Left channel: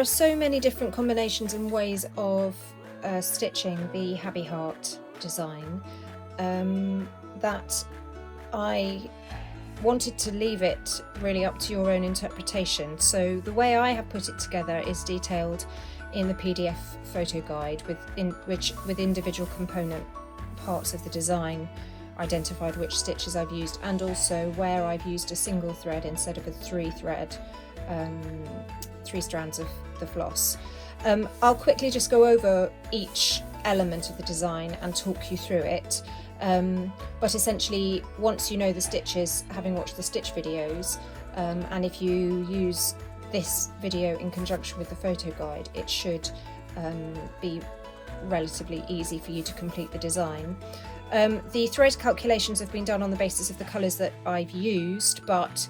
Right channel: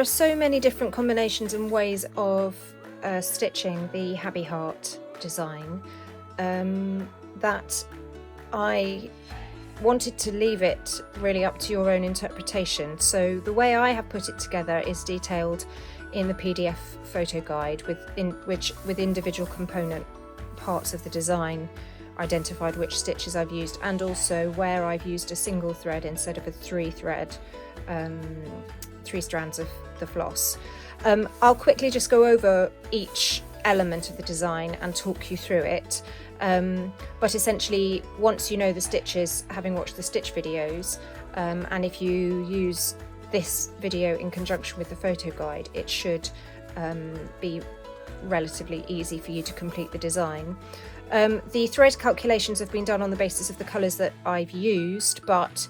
are so many different combinations and ways of stitching the Habby Heart design that I wanted to leave it really up to your own interpretation. So the way I have put it together is detailed in the PDF photo guide with individual component parts of the design identified, which stitches I've used, and also where I've used a single thread instead of a three strands of the floss. I'll quickly just go over each element of the design and talk you through it. But essentially, once you know the stitches, having watched the stitch videos, and if you use this video in conjunction with the photo guide, it should be relatively easy for you to complete the design. The thread calculations have been done on the basis of the colours that I've used, but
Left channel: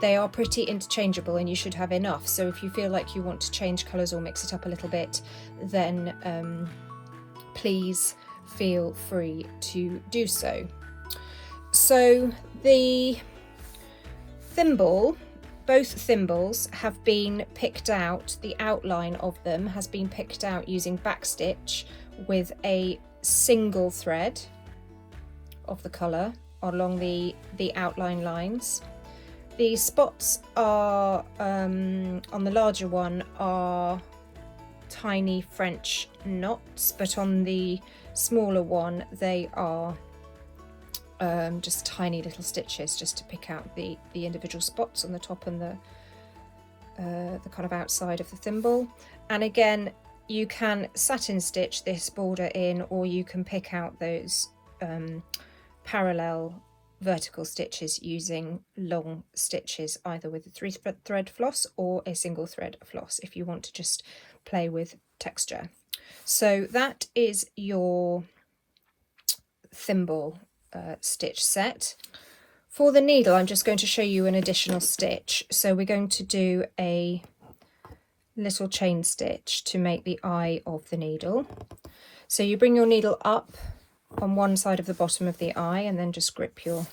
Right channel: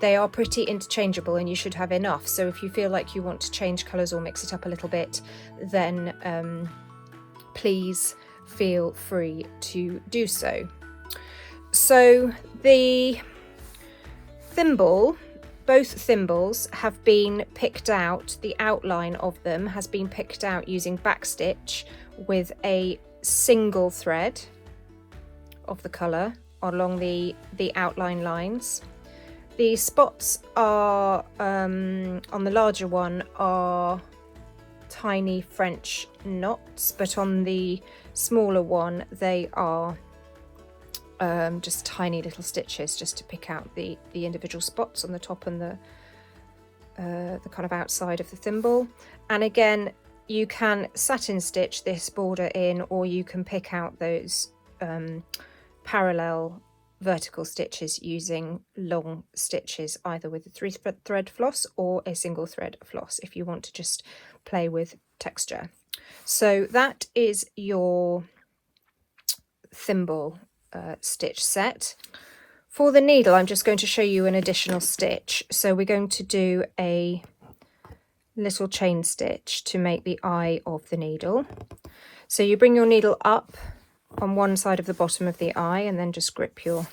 they are pretty interchangeable and you should have enough. So if you feel like you want to change colours or mix it up a little bit, then please feel free to do so. So the thimble, both thimbles have been picked out, the outline of them has been picked out using backstitch with a single thread of the colour along the outline lines. The spots are on the larger one are tiny French knots, but on the smaller one they are just tiny little stitches, just to pick out the individual spots on the top and the kind of outside of the thimble. And again, you can satin stitch this border in, or you can pick out those parallel vertical stitches using long stitches, either with a 3-thread floss or a single thread floss, if you want to just play with texture. So that is your thimble stitch set. For the needle, I'm just going to show you an additional stitch. So we're going to do a little chain stitch to make the eye of the needle. So you bring your needle up on one side of the bottom of the eye and then just grip your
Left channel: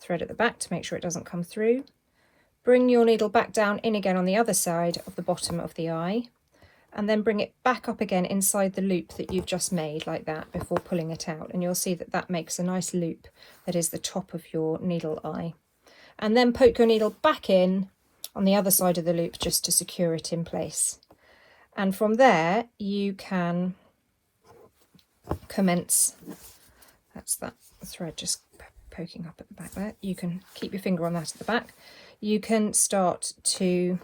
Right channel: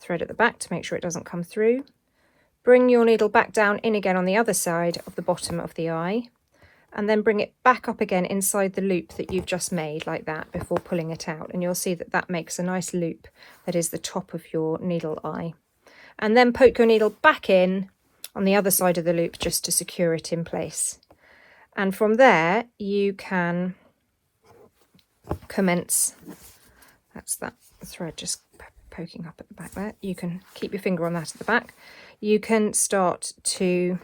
thread at the back to make sure it doesn't come through. Bring your needle back down in again on the other side of the bottom of the eye, and then bring it back up again inside the loop that you've just made, like that, before pulling it out. And you'll see that that makes a nice loop that is the top of your needle eye. And then poke your needle back in on the other side of the loop just to secure it in place. And from there you can commence, that's that thread just poking up at the back there. You can keep your finger on that at the back. You can start to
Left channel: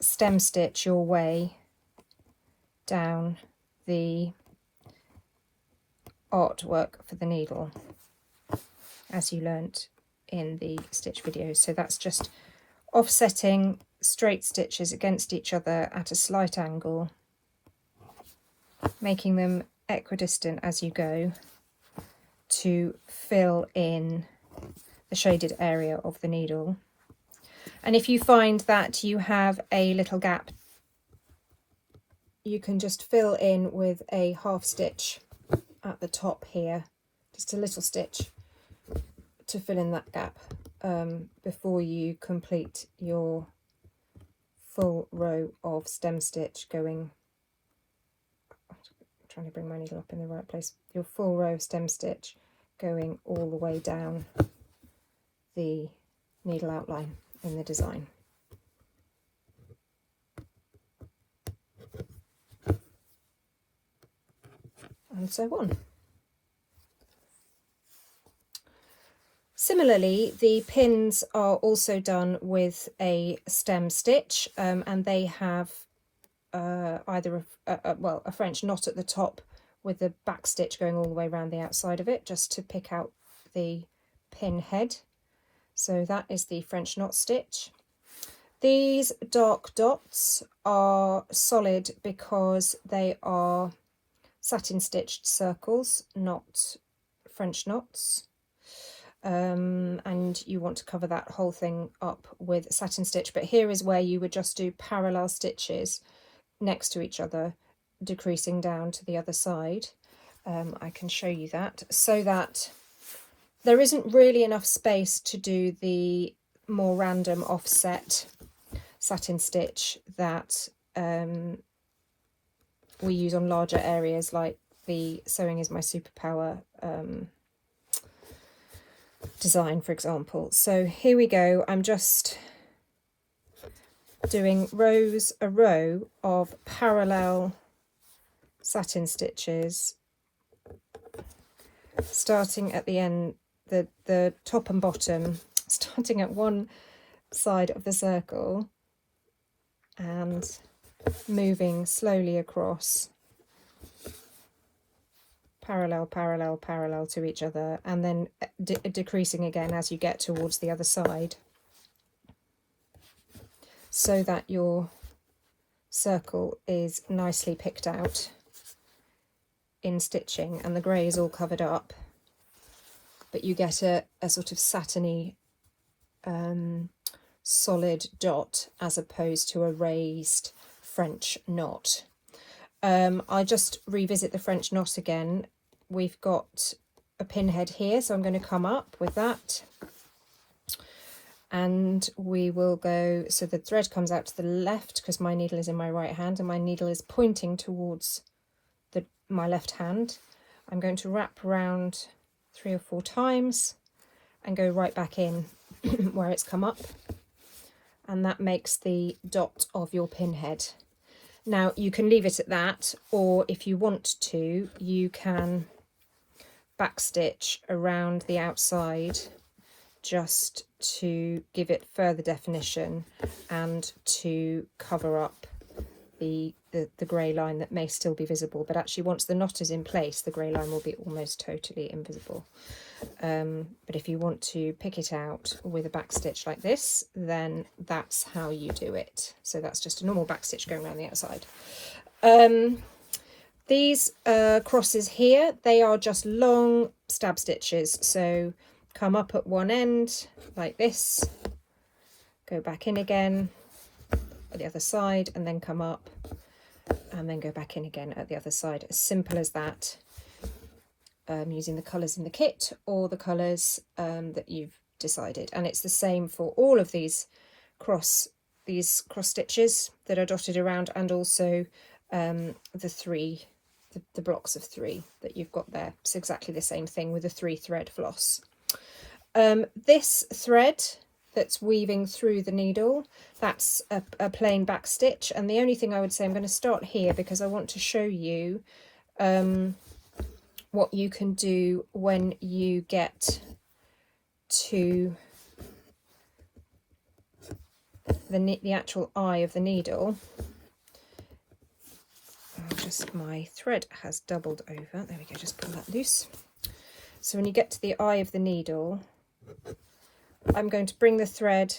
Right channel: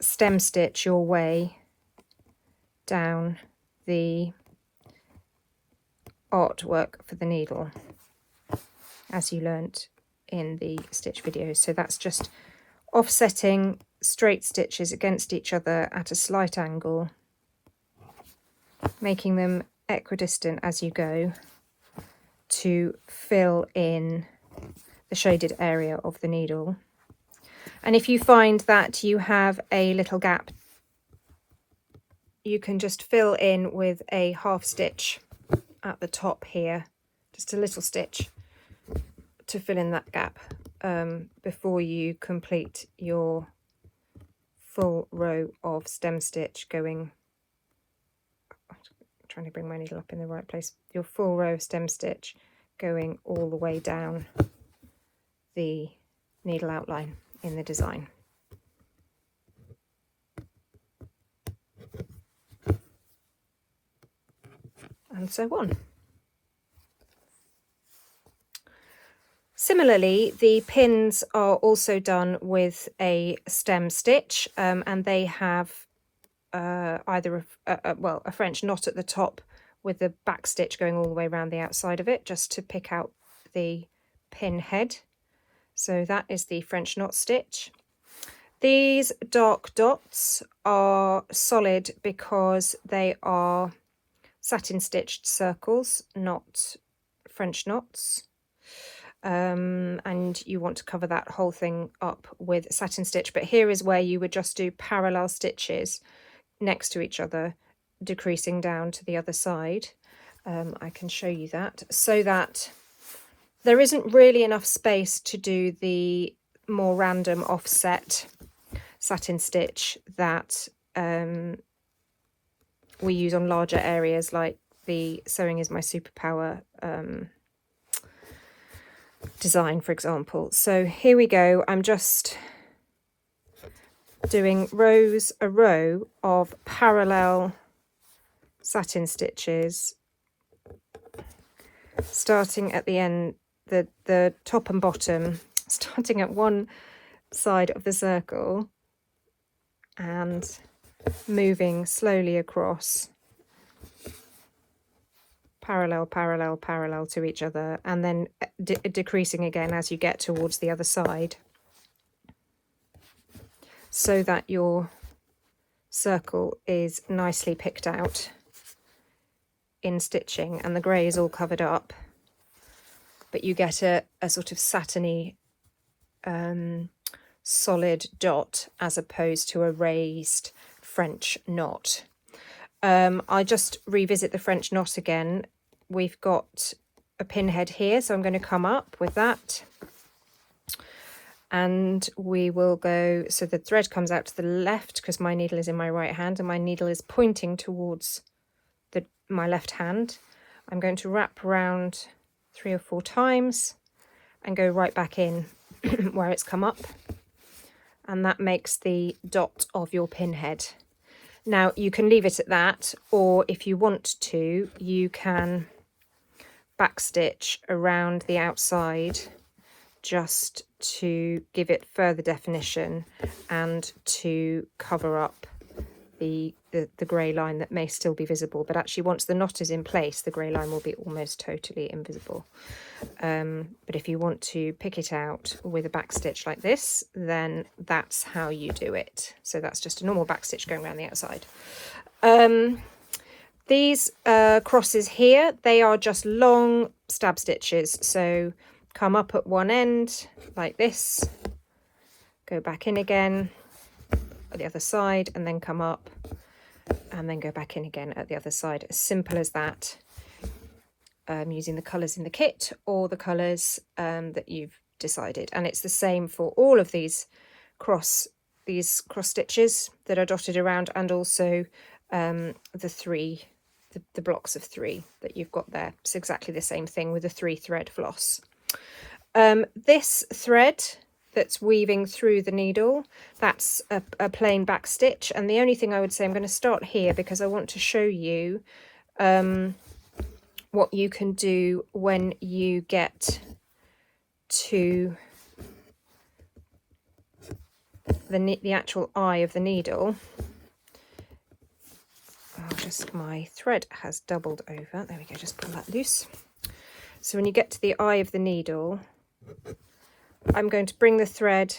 stem stitch your way down the artwork for the needle, as you learnt in the stitch videos. So that's just offsetting straight stitches against each other at a slight angle, making them equidistant as you go to fill in the shaded area of the needle. And if you find that you have a little gap, you can just fill in with a half stitch at the top here, just a little stitch to fill in that gap before you complete your full row of stem stitch going, I'm trying to bring my needle up in the right place, your full row of stem stitch going all the way down the needle outline in the design. And so on. Similarly, the pins are also done with a stem stitch, and they have either a French knot at the top with the back stitch going all the way around the outside of it, just to pick out the pin head. So that is the French knot stitch. These dark dots are solid because they are satin stitched circles, not French knots. And you want to cover that whole thing up with satin stitch, but here is where you would just do parallel stitches next to each other, decreasing down to the other side. I can show you that, so that there isn't really enough space to do the more random offset satin stitch that we use on larger areas, like the Sewing is My Superpower design, for example. So here we go. I'm just doing a row of parallel satin stitches, starting at the end, the top and bottom, starting at one side of the circle and moving slowly across, parallel, parallel, parallel to each other, and then decreasing again as you get towards the other side, so that your circle is nicely picked out in stitching and the grey is all covered up, but you get a sort of satiny solid dot as opposed to a raised French knot. I just revisit the French knot again. We've got a pinhead here, so I'm going to come up with that, and we will go, so the thread comes out to the left because my needle is in my right hand and my needle is pointing towards my left hand. I'm going to wrap around 3 or 4 times and go right back in where it's come up, and that makes the dot of your pinhead. Now you can leave it at that, or if you want to, you can backstitch around the outside just to give it further definition and to cover up the grey line that may still be visible, but actually once the knot is in place the grey line will be almost totally invisible. But if you want to pick it out with a backstitch like this, then that's how you do it. So that's just a normal backstitch going around the outside. These crosses here, they are just long stab stitches, so come up at one end like this, go back in again at the other side, and then come up and then go back in again at the other side. As simple as that, using the colours in the kit or the colours that you've decided. And it's the same for all of these cross stitches that are dotted around, and also the blocks of 3 that you've got there. It's exactly the same thing with the 3 thread floss. This thread that's weaving through the needle, that's a plain back stitch, and the only thing I would say, I'm going to start here because I want to show you what you can do when you get to the actual eye of the needle. My thread has doubled over, there we go, just pull that loose. So when you get to the eye of the needle, I'm going to bring the thread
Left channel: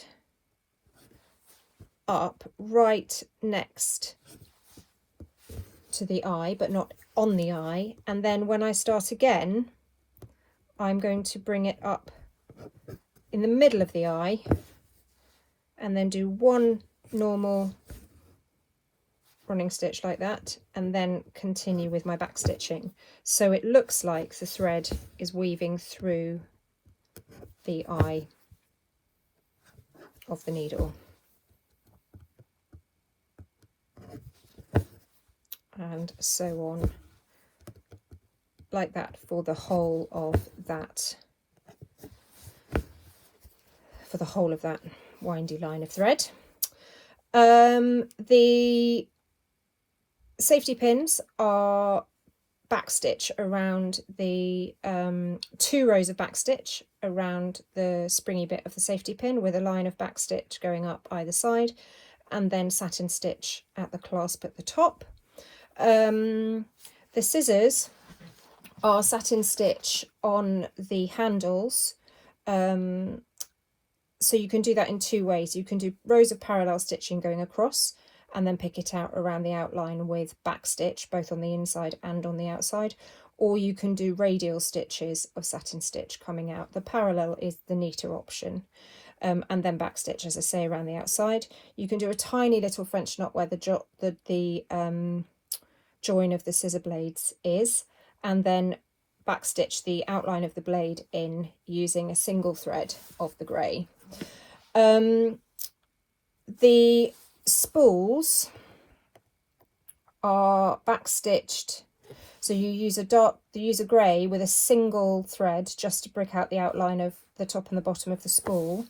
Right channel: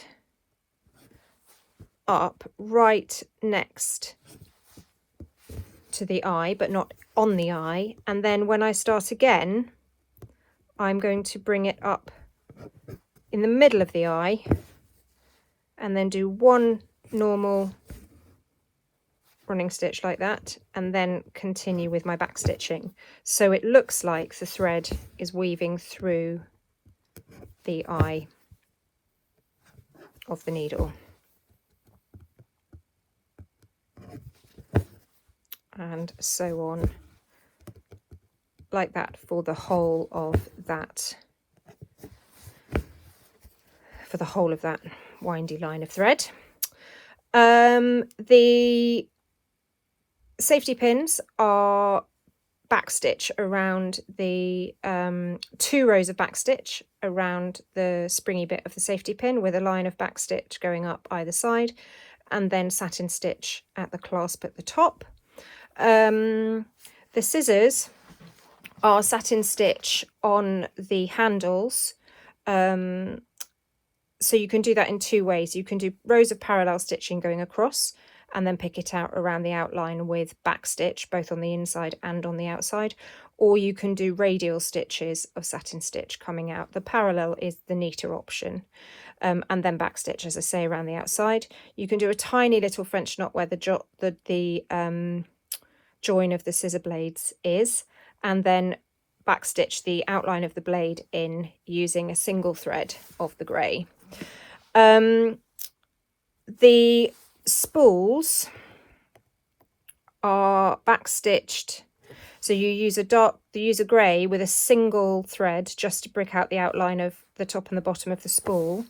up right next to the eye, but not on the eye. And then when I start again, I'm going to bring it up in the middle of the eye and then do one normal running stitch like that, and then continue with my back stitching. So it looks like the thread is weaving through the eye of the needle. And so on, like that for the whole of that, windy line of thread. The safety pins are backstitch around the 2 rows of backstitch around the springy bit of the safety pin with a line of backstitch going up either side, and then satin stitch at the clasp at the top. The scissors are satin stitch on the handles, so you can do that in 2 ways. You can do rows of parallel stitching going across and then pick it out around the outline with backstitch both on the inside and on the outside, or you can do radial stitches of satin stitch coming out. The parallel is the neater option, and then backstitch, as I say, around the outside. You can do a tiny little French knot where the join of the scissor blades is, and then backstitch the outline of the blade in using a single thread of the grey. The spools are backstitched, so you use a grey with a single thread just to break out the outline of the top and the bottom of the spool,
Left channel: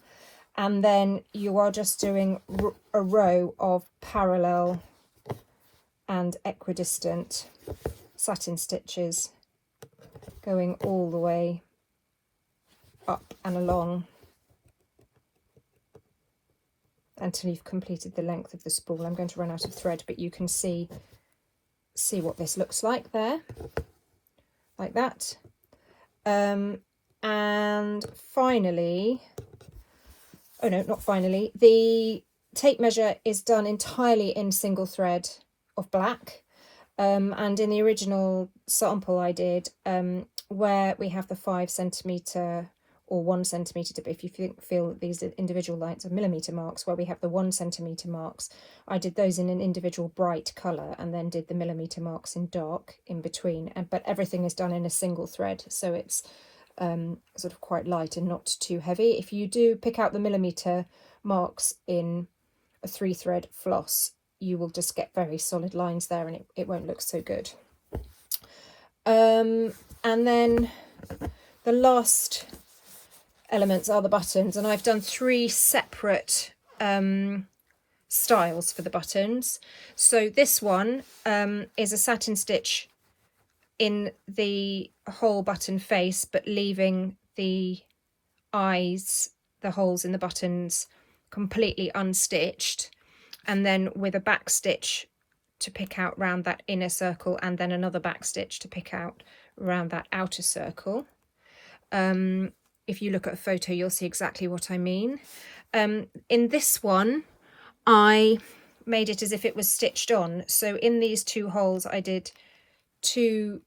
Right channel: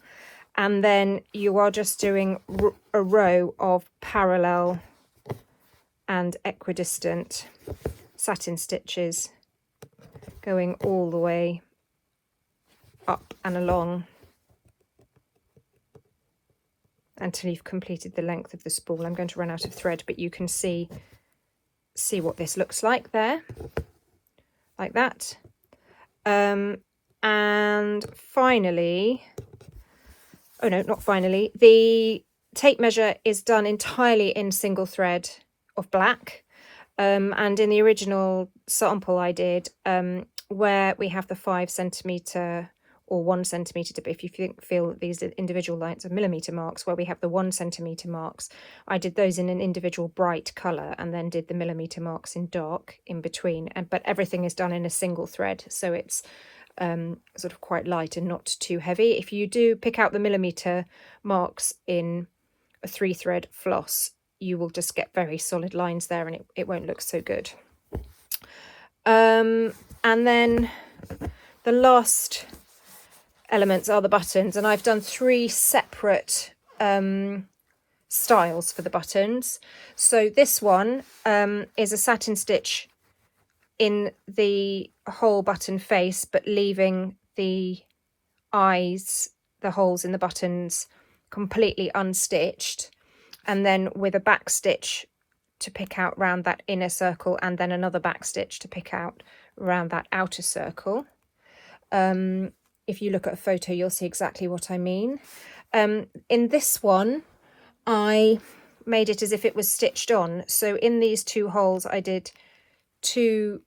and then you are just doing a row of parallel and equidistant satin stitches going all the way up and along until you've completed the length of the spool. I'm going to run out of thread, but you can see what this looks like there, like that. And finally, oh no, not finally, the tape measure is done entirely in single thread of black. And in the original sample I did, where we have the 5 centimetre or 1 centimetre, if you feel that these individual lines are millimetre marks, where we have the 1 centimetre marks, I did those in an individual bright colour and then did the millimetre marks in dark in between. But everything is done in a single thread, so it's sort of quite light and not too heavy. If you do pick out the millimetre marks in a 3-thread floss, you will just get very solid lines there, and it won't look so good. And then the last elements are the buttons, and I've done 3 separate styles for the buttons. So this one is a satin stitch in the whole button face, but leaving the eyes, the holes in the buttons, completely unstitched, and then with a back stitch to pick out round that inner circle, and then another back stitch to pick out around that outer circle. If you look at a photo, you'll see exactly what I mean. In this one, I made it as if it was stitched on. So in these 2 holes, I did 2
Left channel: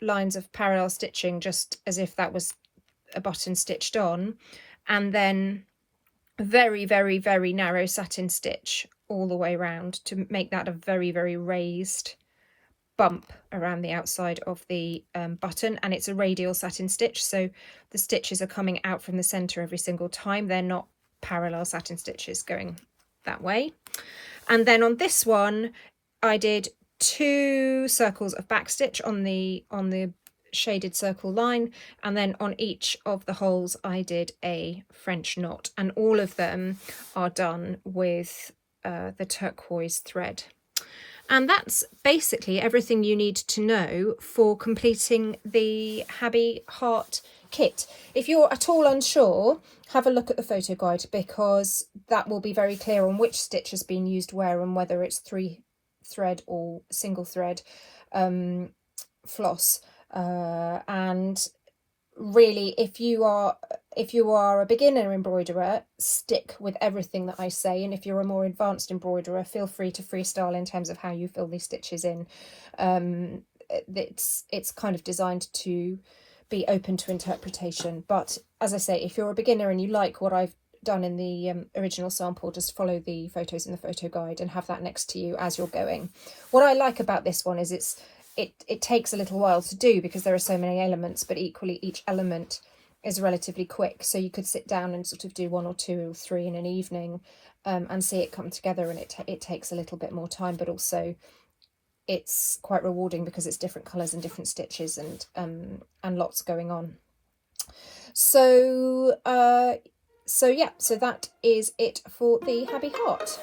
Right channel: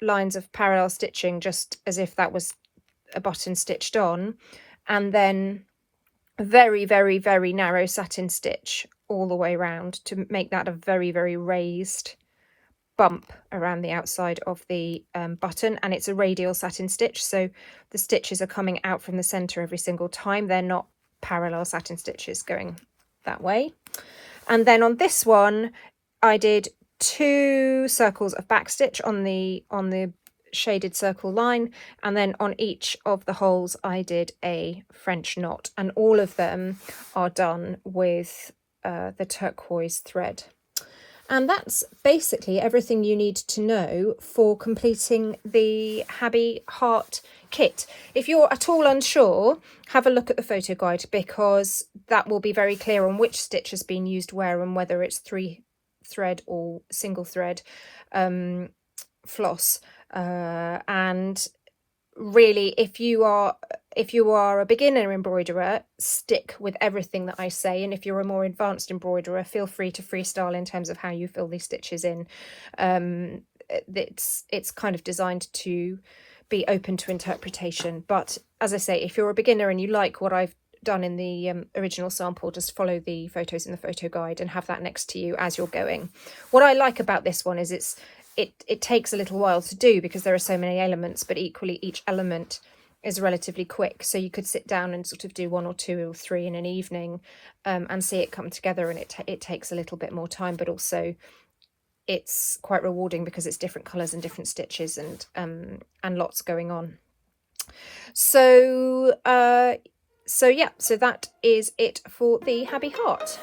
lines of parallel stitching, just as if that was a button stitched on, and then a very, very, very narrow satin stitch all the way around to make that a very, very raised bump around the outside of the button. And it's a radial satin stitch, so the stitches are coming out from the center every single time. They're not parallel satin stitches going that way. And then on this one, I did 2 circles of backstitch on the shaded circle line, and then on each of the holes I did a French knot, and all of them are done with the turquoise thread. And that's basically everything you need to know for completing the Habby heart kit. If you're at all unsure, have a look at the photo guide, because that will be very clear on which stitch has been used where and whether it's 3-thread or single thread floss. And really, if you are a beginner embroiderer, stick with everything that I say, and if you're a more advanced embroiderer, feel free to freestyle in terms of how you fill these stitches in. It's kind of designed to be open to interpretation, but as I say, if you're a beginner and you like what I've done in the original sample, just follow the photos in the photo guide and have that next to you as you're going. What I like about this one is it takes a little while to do because there are so many elements, but equally each element is relatively quick, so you could sit down and sort of do 1 or 2 or 3 in an evening and see it come together, and it takes a little bit more time, but also it's quite rewarding because it's different colours and different stitches and lots going on. So yeah, so that is it for the Habby heart.